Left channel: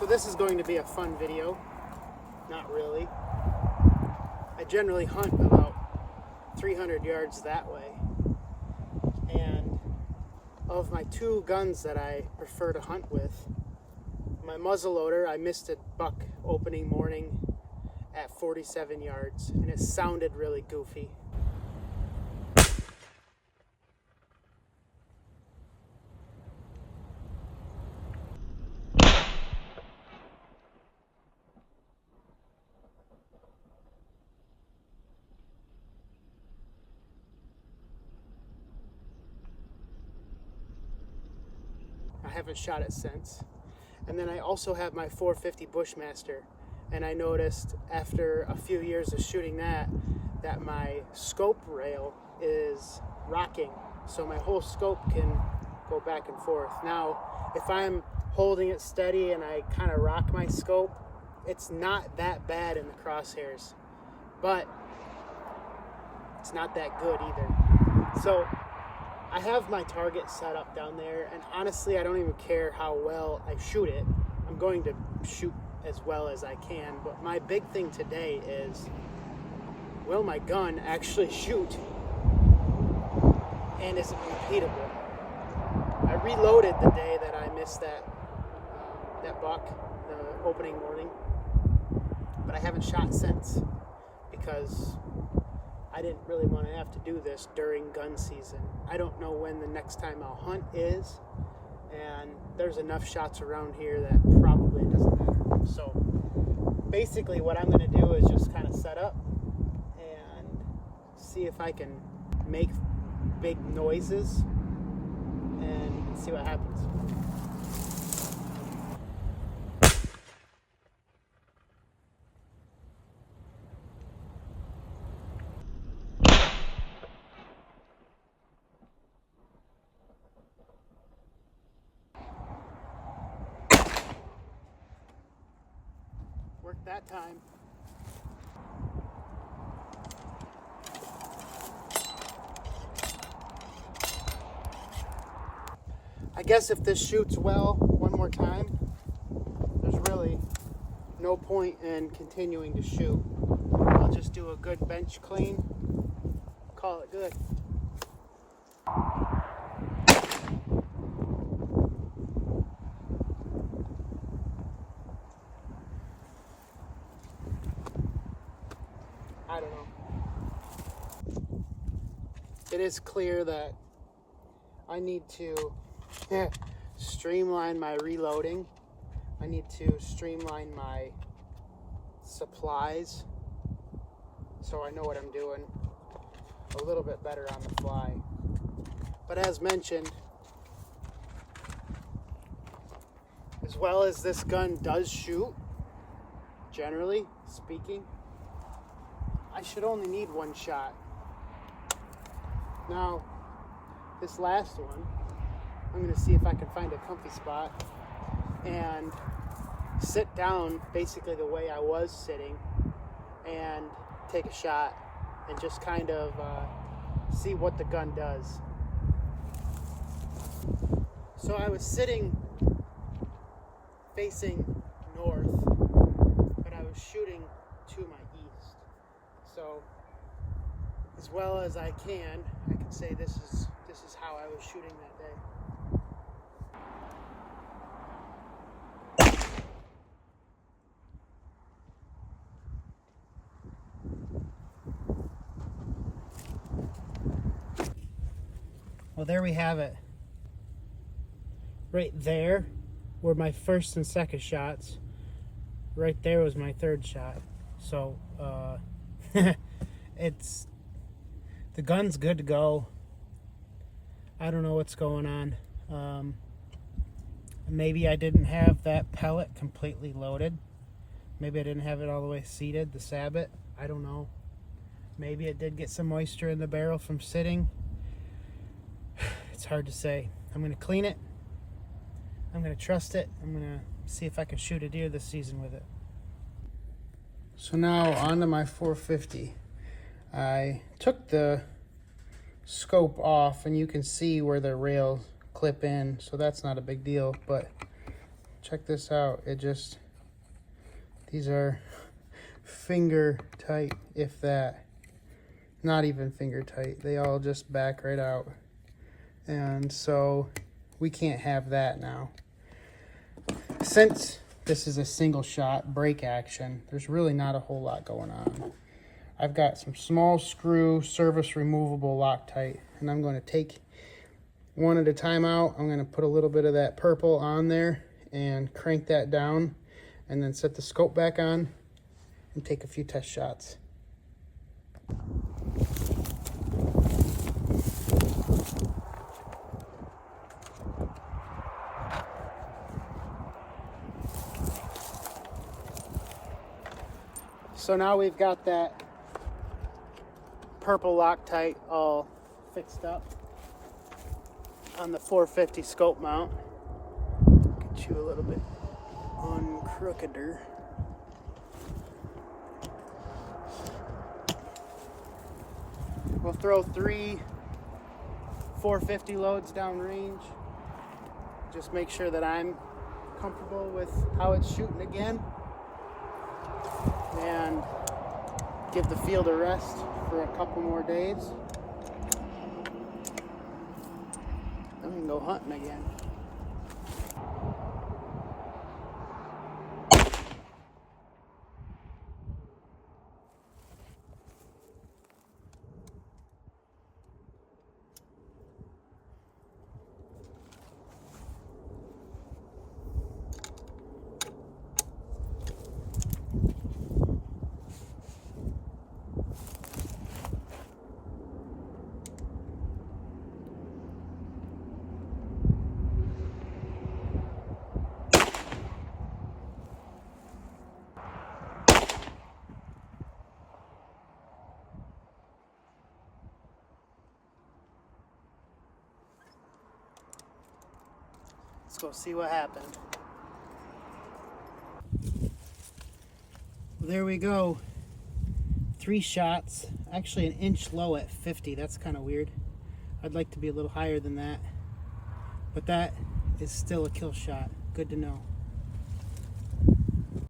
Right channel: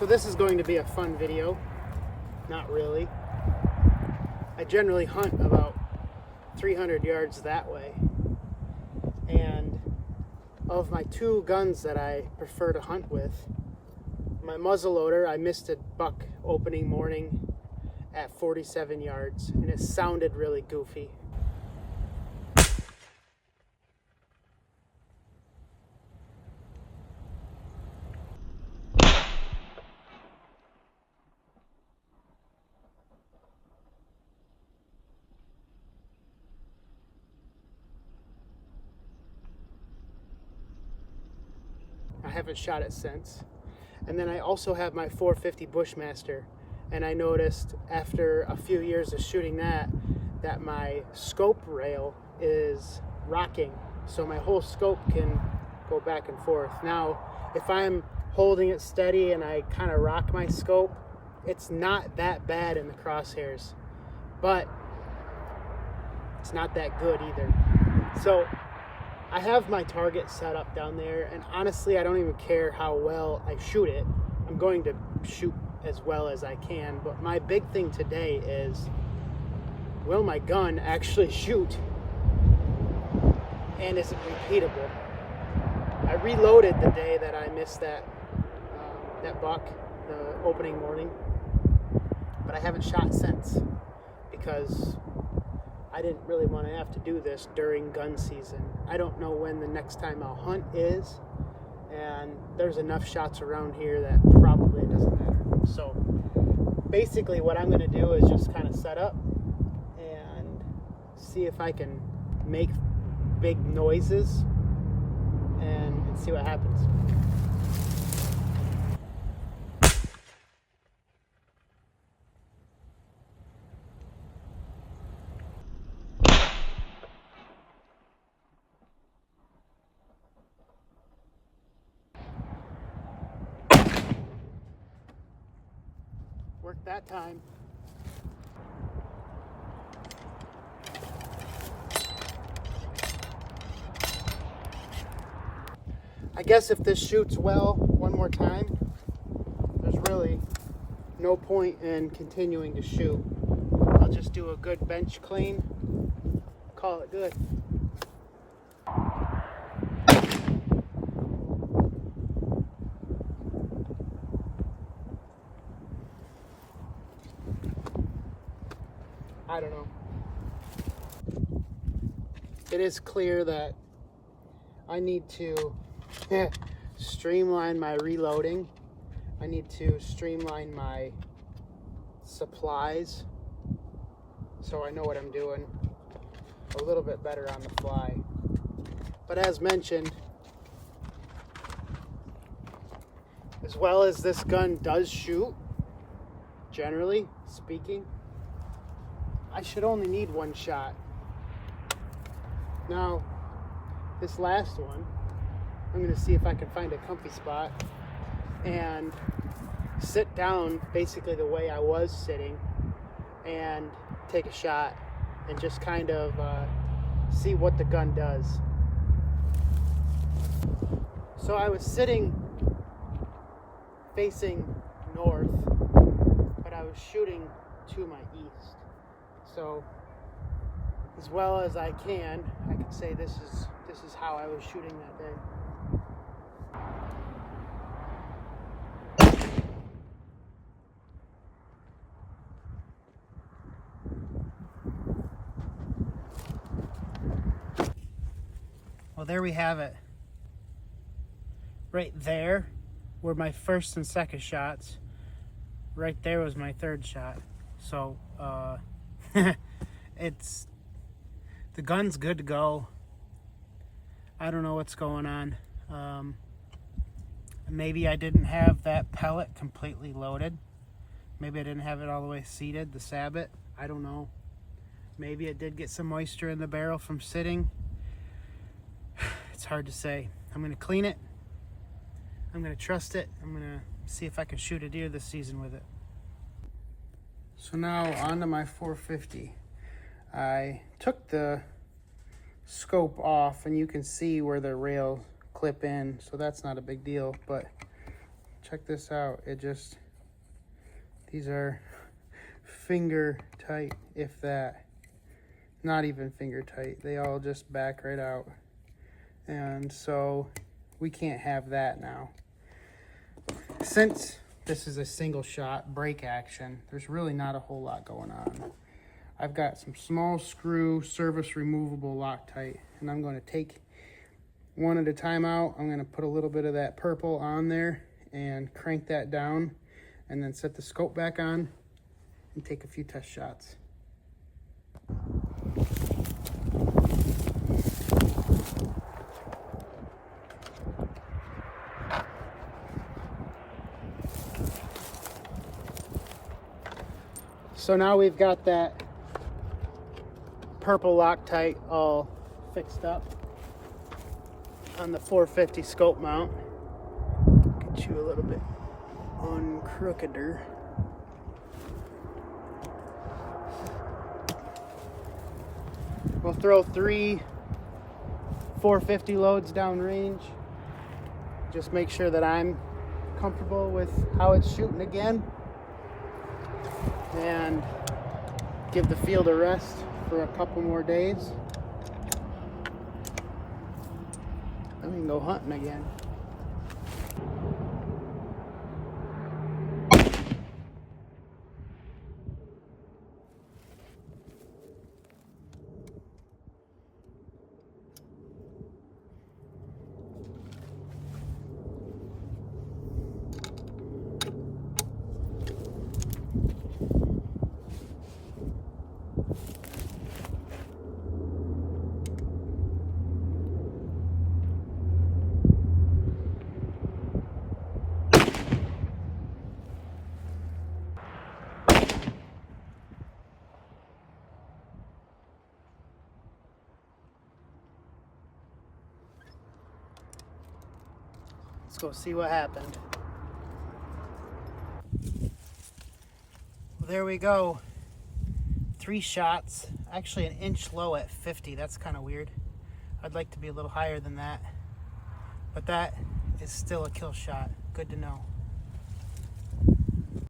So this is going to be a fun video. Not really. I generally hunt about 300 yards that way. And of my two guns that I prefer to hunt with, my muzzleloader, I missed a buck opening morning at 47 yards, and it sounded really goofy. I haven't shot it since. And then I also have my 450 Bushmaster, and I noticed after a few years of shooting that my scope rail is rocking, so my whole scope can go back and forth. Now, if I'm holding it steady and I kind of rock my scope, it's not that bad in the crosshairs, but it's not that good either. So I have my target set up down there, and honestly, I don't even care how well I shoot it. I'm going to shoot as well as I can, but my big thing today is, will my gun actually shoot, and is it repeatable? I reloaded the day that I missed that buck, the opening morning, but I haven't shot since because I didn't really want to have to do this during gun season. I don't know when the next time I'll hunt is, and there's enough shots around here that probably it doesn't matter. So basically what I'm going to do is just kind of set up and see if I can make big noises and see what happens. Worked that time. I guess if this shoots well one more time, there's really no point in continuing to shoot. I'll just do a good bench clean, call it good. I don't know. It is clear that I need to streamline my reloading. I need to streamline my supplies so I know what I'm doing a little bit better on the fly. But as mentioned, as well as this gun does shoot, generally speaking, I should only need one shot. Now, this last one, I'm going to see if I can find a comfy spot and sit down basically the way I was sitting and take a shot and just kind of see what the gun does. So I was sitting facing north, but I was shooting to my east. So as well as I can say this is how I was shooting that day. Well, there we have it. Right there were my first and second shots. Right there was my third shot. So the gun's good to go. I don't know what's going on. Maybe I didn't have that pellet completely loaded. Maybe I didn't have it all the way seated, the sabot. I don't know. Maybe it did get some moisture in the barrel from sitting. It's hard to say. I'm going to clean it. I'm going to trust it. I'm going to see if I can shoot a deer this season with it. So now onto my 450. I took the scope off and you can see where the rails clip in, so that's not a big deal, but check this out. These are finger tight, if that. Not even finger tight. They all just back right out. And so we can't have that now. Since this is a single shot break action, there's really not a whole lot going on. I've got some small screw service removable Loctite, and I'm going to take one at a time out. I'm going to put a little bit of that purple on there and crank that down, and then set the scope back on and take a few test shots. So now we've got that purple Loctite all fixed up on the 450 scope mount. Get you a little bit uncrookeder. We'll throw 3 450 loads downrange. Just make sure that I'm comfortable with how it's shooting again, and give the field a rest for a couple more days. Then we can go hunting again. Let's go see what happened. Well, there we go. 3 shots. Actually an inch low at 50. That's kind of weird. I'd like to be a little higher than that. But that is still a kill shot. Good to know.